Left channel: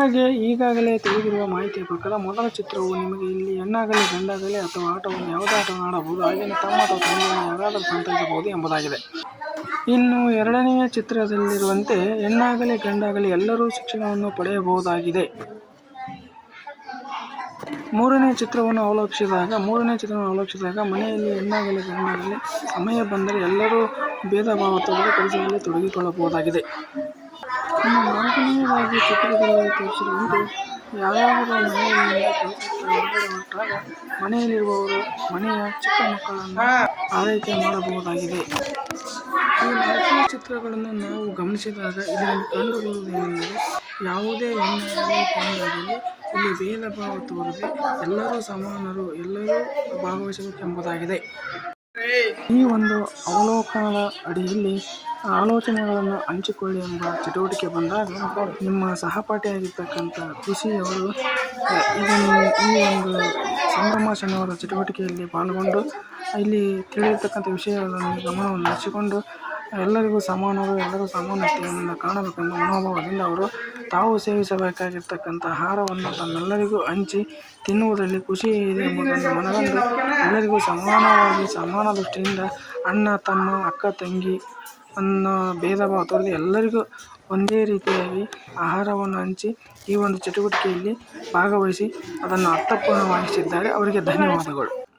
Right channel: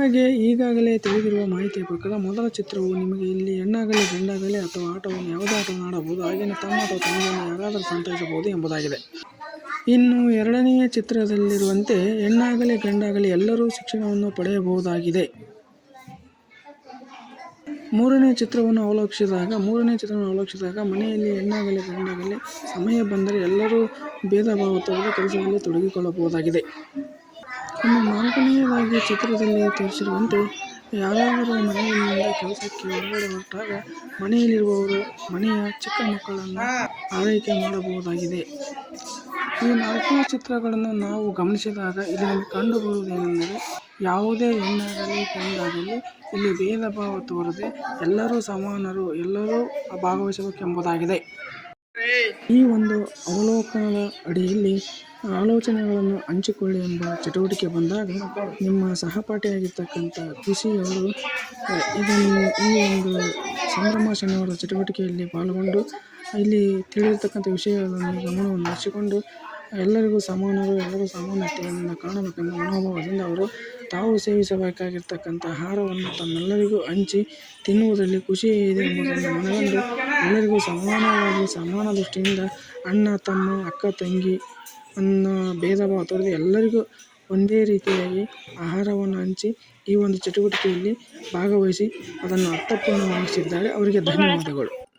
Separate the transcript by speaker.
Speaker 1: ನಿಮಗೆ ಈಗಾಗಲೇ ತಿಳಿದಿರುವ ಮಾಹಿತಿಯ ಪ್ರಕಾರ ಮೊದಲ ಚಿತ್ರವು ನಿಮಗೆ ಇಲ್ಲಿ ಹೆಣ್ಣಾಗಲಿ ಗಂಡಾಗಲಿ ಅಥವಾ ಆಟವನ್ನು ಯಾವುದೇ ಆಟವನ್ನು ಆಡಬಹುದು. ಹಾಗೆಯೇ ತಮ್ಮ ಅಥವಾ ತಂದೆಯನ್ನು ಯಾರಾದರೂ ಸಂತೈಸಬಹುದು ಎಂಬುದಾಗಿದೆ. ಇನ್ನು ಎರಡನೆಯ ಚಿತ್ರದಲ್ಲಿರುವಂತೆ ಹೆಣ್ಣಾಗಲಿ ಗಂಡಾಗಲಿ ಎಲ್ಲರೂ ಶಿಕ್ಷಣವನ್ನು ಪಡೆಯಬಹುದಾಗಿದೆ. ಮೂರನೇ ಚಿತ್ರವನ್ನು ಅವಲೋಕಿಸಿದಾಗ ಮೂರನೇ ಚಿತ್ರವನ್ನು ಅವಲೋಕಿಸಿದಾಗ ಮನೆಯಲ್ಲಿ ಹೆಣ್ಣಾಗಲಿ ಗಂಡಾಗಲಿ ಸಮಯ ಬಂದರೆ ಎಲ್ಲರೂ ಭೇದ ಭಾವ ಕೆಲಸದಲ್ಲಿ ತೊಡಗಿಕೊಳ್ಳಬಹುದಾಗಿದೆ. ಇನ್ನು ನಾಲ್ಕನೆಯದಾಗಿ ಚಿತ್ರದಲ್ಲಿ ತೋರಿಸಿರುವಂತೆ ಯಾರ್ಯಾರು ಮನೆಯಿಂದ ಕೆಲಸಕ್ಕೆ ಹೊರಟಾಗ ಮನೆಯಲ್ಲಿರುವವರು ಮನೆಯ ಚಿಕ್ಕ ಮಕ್ಕಳನ್ನು ಆರೈಕೆ ಮಾಡಬಹುದಾಗಿದೆ. ಈ ನಾಲ್ಕು ಚಿತ್ರಗಳನ್ನು ನಾವು ಗಮನಿಸಿದಾಗ ಇದರಲ್ಲಿ ಕಂಡುಬರುವುದೇನೆಂದರೆ ಯಾವುದೇ ಹೆಣ್ಣಾಗಲಿ ಗಂಡಾಗಲಿ ಇಲ್ಲಿ ಭೇದ ಭಾವ ತೋರದೆ ಎಲ್ಲರೂ ಸಮಾನರು, ಎಲ್ಲರೂ ಭಾಗವಹಿಸಬೇಕೆಂಬುದಾಗಿದೆ. ಈ ಒಂದು ಅವಲೋಕನದ ಅಡಿಯಲ್ಲಿ ಆಲೋಚನೆಗಳನ್ನು ಹಂಚಿಕೊಳ್ಳಿ ಎಂಬ ಚಟುವಟಿಕೆ ಬಂದಾಗ ನಿಮ್ಮ ಸಹಪಾಠಿಯಾಗಿರ್ತಕ್ಕಂಥ ಖುಷಿಯವರು ಇದನ್ನು ಈ ಒಂದು ಸಂಭ್ರಮಾಚರಣೆಯವರ ಚಟುವಟಿಕೆಯಲ್ಲಿ ಪಾಲ್ಗೊಂಡು, ಇಲ್ಲಿ ತಿಳಿದಿರ್ತಕ್ಕಂಥ ವಿಷಯಗಳನ್ನು ಗಮನವನ್ನು ಹರಿಸಿಕೊಂಡು ಎಲ್ಲರಿಗೂ ಸಮಾನರು, ಎಲ್ಲರೂ ಸಮಾನತೆಯಿಂದ ಕಾಣಬೇಕೆಂಬ ಮನೋಭಾವದಿಂದ ಅವರು ತಾವು ಸೇವಿಸಬೇಕಾಗಿರ್ತಕ್ಕಂಥ ಆಹಾರವನ್ನು ತಮ್ಮೆಲ್ಲರಿಗೂ ಹಂಚಿ ತಿನ್ನುವುದರಲ್ಲಿ ಖುಷಿ ಇದೆ ಎಂಬುದನ್ನು ಮನಗಂಡು ಎಲ್ಲರಿಗೂ ಸಮಾನವಾಗಿ ಸಮಾನ ದೃಷ್ಟಿಯಿಂದ ಅಣ್ಣ, ತಮ್ಮ, ಅಕ್ಕ, ತಂಗಿ ಅನ್ನೋ ಭೇದ ಭಾವ ಎಲ್ಲರಿಗೂ ಒಂದೇ ರೀತಿಯಾಗಿ ಆಹಾರವನ್ನು ಹಂಚಿ ಈ ಒಂದು ಚಟುವಟಿಕೆಯಲ್ಲಿ ಭಾಗವಹಿಸಿ ಅದನ್ನು ಅರ್ಥಪೂರ್ಣವಾಗಿಸಿದ್ದಾರೆ. ಅವರಿಗೆ ಧನ್ಯವಾದಗಳು.